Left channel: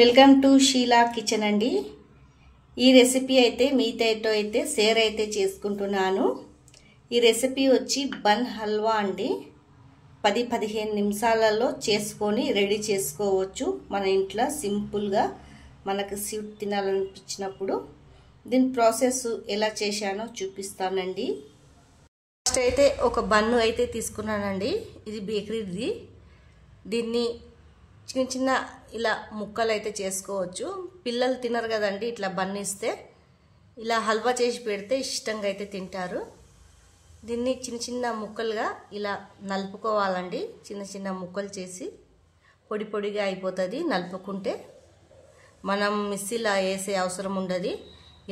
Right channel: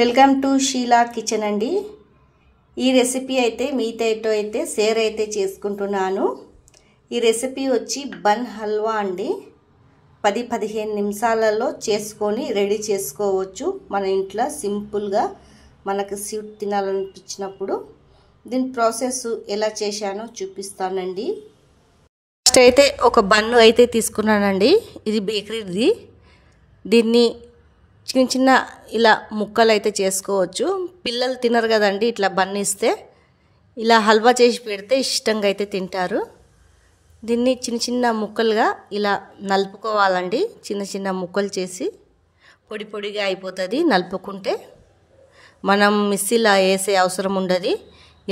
Welcome to Sheela kitchen అండి. ఈ recipe అయితే మీతో అయితే షేర్ అయితే చేసుకుంటున్నాను. ఈ రెసిపీ వచ్చి బన్ హల్వా అండి. 10-15 నిమిషాలలో చేసుకొని రెడీ చేసుకోవచ్చు. మన ఇంట్లో సింపుల్గా మనకు స్వీట్ తినాలనిపించినప్పుడు. దీని ప్రాసెస్ ఎలా చేశానో చూపిస్తానండి. ఫస్ట్ అయితే ఒక బన్ను అయితే తీసుకున్నానండి. ఇది బేకరీది. దీన్ని చిన్న చిన్న ఇలా ముక్కలు అయితే చేసుకోవచ్చు. పిల్లలు తినరు కదండి ఇట్లా బన్ ఇస్తే. ఇలా హల్వా చేసి పెడితే ఇష్టంగా అయితే తింటారు. దీన్ని చిన్న చిన్న ముక్కలుగా ఇలా నలుపుకోవాలండి. చిన్న చిన్న ముక్కలు చేసి పొడి పొడిగా అయిపోతుంది నలుపుకుంటే. మనం మిక్సీలో వేసే అవసరం ఉండదు.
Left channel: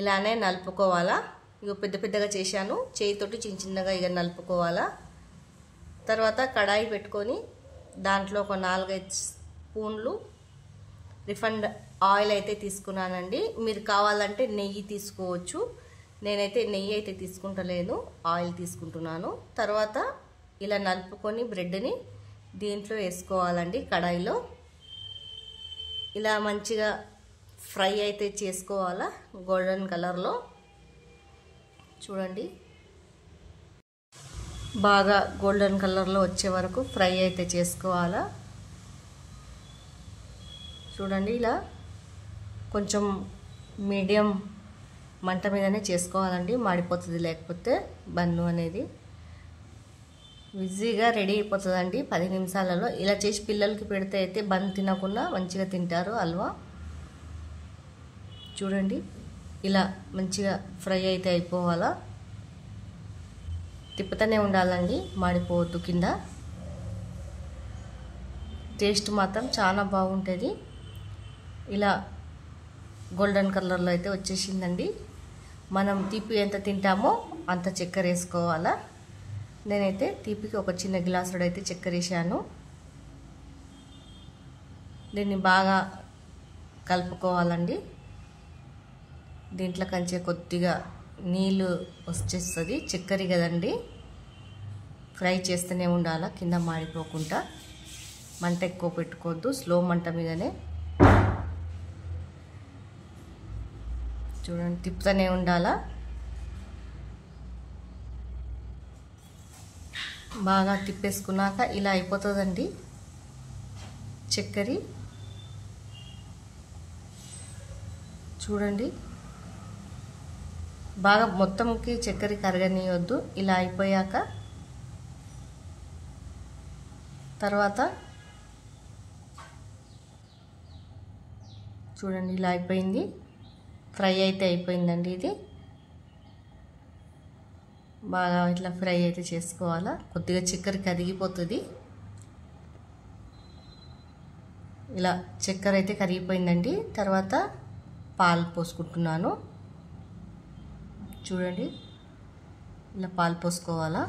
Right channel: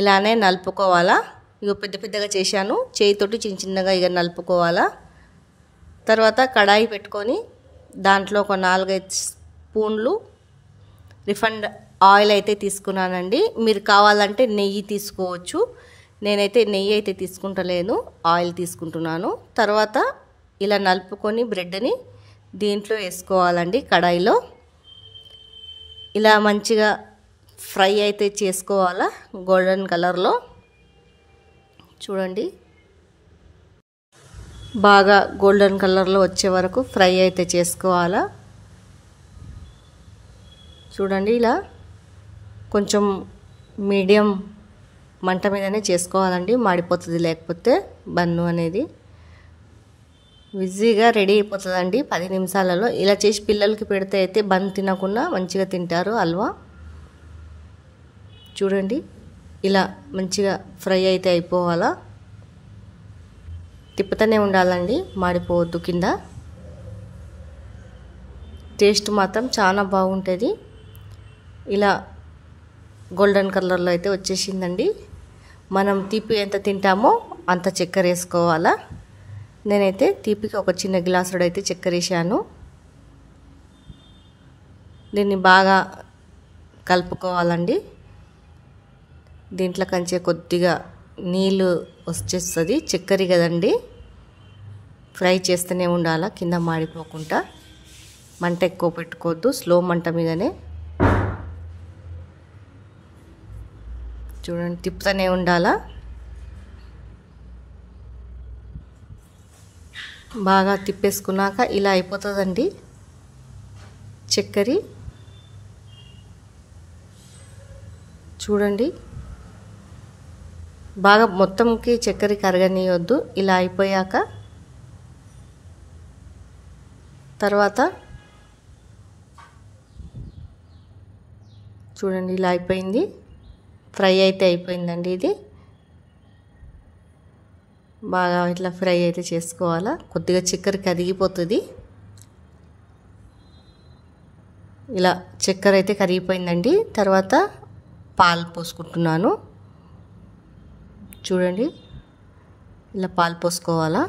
ఇలానే నలుపుకోవాలా. ఇక పెద్ద పెద్దగా చేశాను. చేయితోటి చిన్న చిన్నగా ఇక నలుపుకోవాలా. తర్వాత కడాయి పెట్టుకొని దాంట్లో ఒక 4-5 స్పూన్లు రిఫైండ్ ఆయిల్ అయితే తీసుకున్నానండి. మీరు కావాలంటే నెయ్యి తీసుకోవచ్చు. నేనైతే నెయ్యి అయితే తీసుకుంటలేను, ఆయిల్ తీసుకుంటున్నాను. తర్వాత ఇలా నలుపుకొని బ్రెడ్ని దీంట్లో వేసుకోవాలండి. కడాయిలో ఇలా మంచిగా ఫ్రై అయితే చేసుకోవాలా. గోల్డెన్ కలర్లో చూడండి. బాగా గోల్డెన్ కలర్లో వచ్చే వరకు ఫ్రై అయితే చేసుకోవాలా. చూడండి ఇలా కొంచెం మీడియం మంట మీదనే చేసుకోవాలండి. మాడిపోతుంది లేకపోతే బన్ను అనేది. ఈజీగా రెడీ అయిపోతుందండి 10 నిమిషాలలో. ఇలా చేసి పిల్లలకి పెడితే అయితే బన్ తినకుండా మంచిగా తింటారు హల్వా. చూడండి ఇలా మంచిగా ఫ్రై అయితే అయిపోవాలా. తిప్పుతూనే ఉండాలండి, మాడిపోవద్దు కింద. టేస్ట్ మాత్రం చాలా బాగుంటుంది. ఇలా గోల్డెన్ కలర్లో అయితే వచ్చేసిందండి. మనం తీపి ఎంత తింటామో అంత చక్కెర వేసుకోవాలా. నేనైతే తీపికి ఒక చిన్న గ్లాసుడు అయితే చక్కెర వేసాను. దీన్ని బాగా కలుపుకోవాలండి. దీంట్లో కంచే కొద్దిగా నీళ్ళు వచ్చేస్తుంది. చక్కెర కదండి, ఫ్రై చేస్తూనే ఉండాలా కింద మాడిపోకుండా. మంట ఎక్కువ పెట్టుకోవద్దు, స్లో మంట మీదనే. చూడండి తిప్పుతూనే ఉండాలా. బాగా తిప్పేసుకున్నాక ఇలా అయిపోతుందండి చక్కెర. చూడండి బాగా మొత్తంకి చక్కెర కరగనీయొద్దు. ఇలా అయిపోయాక తర్వాత చూడండి ఇలా అయిపోయింది. ఫ్రై అయితే అయిపోయిందండి. ఇది బాగా ఇట్లా ఫ్రై అయితే చేసుకోవాలా. కొద్దిగా చక్కెర కరిగిపోతుంది. ఇలా చక్కెర అయితే కరిగిపోయిందండి. తర్వాత పాలు పోసుకుంటున్నాను. చూడండి ఇలా పాలు పోసుకోవాలా.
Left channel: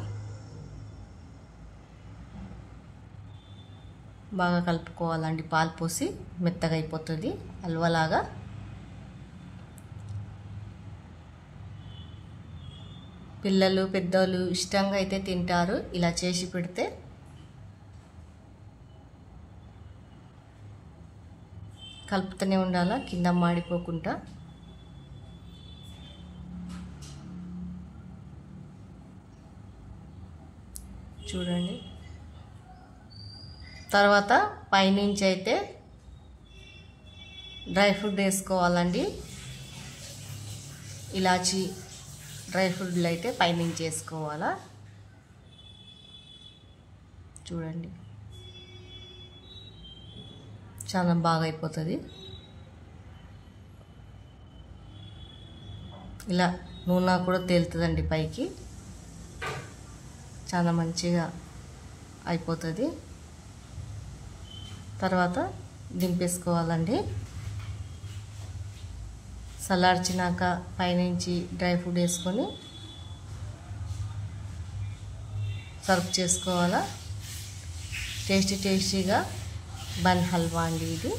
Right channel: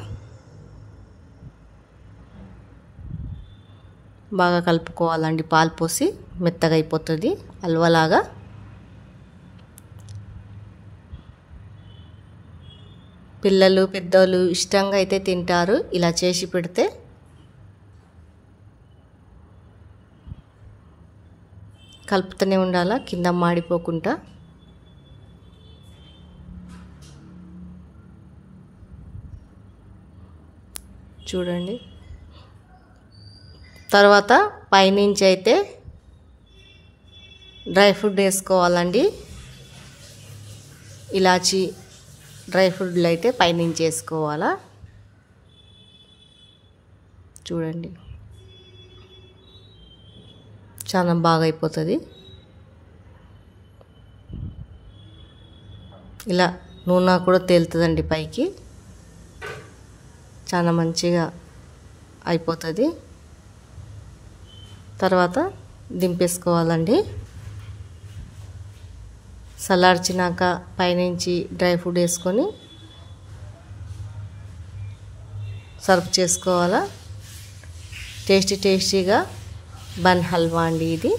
బాగా కలుపుకోవాలండి. పాలు పోసి మెత్తగా అయిపోతుంది హల్వాలాగా. పిల్లలు పెద్దలు ఇష్టంగా అయితే తింటారు ఇలా చేసి పెడితే. కలుపుతూనే ఉండాలా కింద మాడిపోకుండా. చూడండి తర్వాత పైనుంచి అయితే డ్రై ఫ్రూట్ వేసుకోవాలండి. ఇలాచి డ్రై ఫ్రూట్లు అయితే పైనుంచి వేసుకోవాలా. చూడండి చాలా బాగా అయిపోతుంది. ఇలా నూనె కూడా తేలుతుందండి పైకి. చాలా మంచిగా అయిపోతుంది. తర్వాత దింపేసుకోవాలండి. చల్లార్చినాక పైనుంచి డ్రై ఫ్రూట్ వేసుకొని సర్వ్ చేసుకోవాలా. టేస్టీగా బన్ హల్వా అండి ఇది.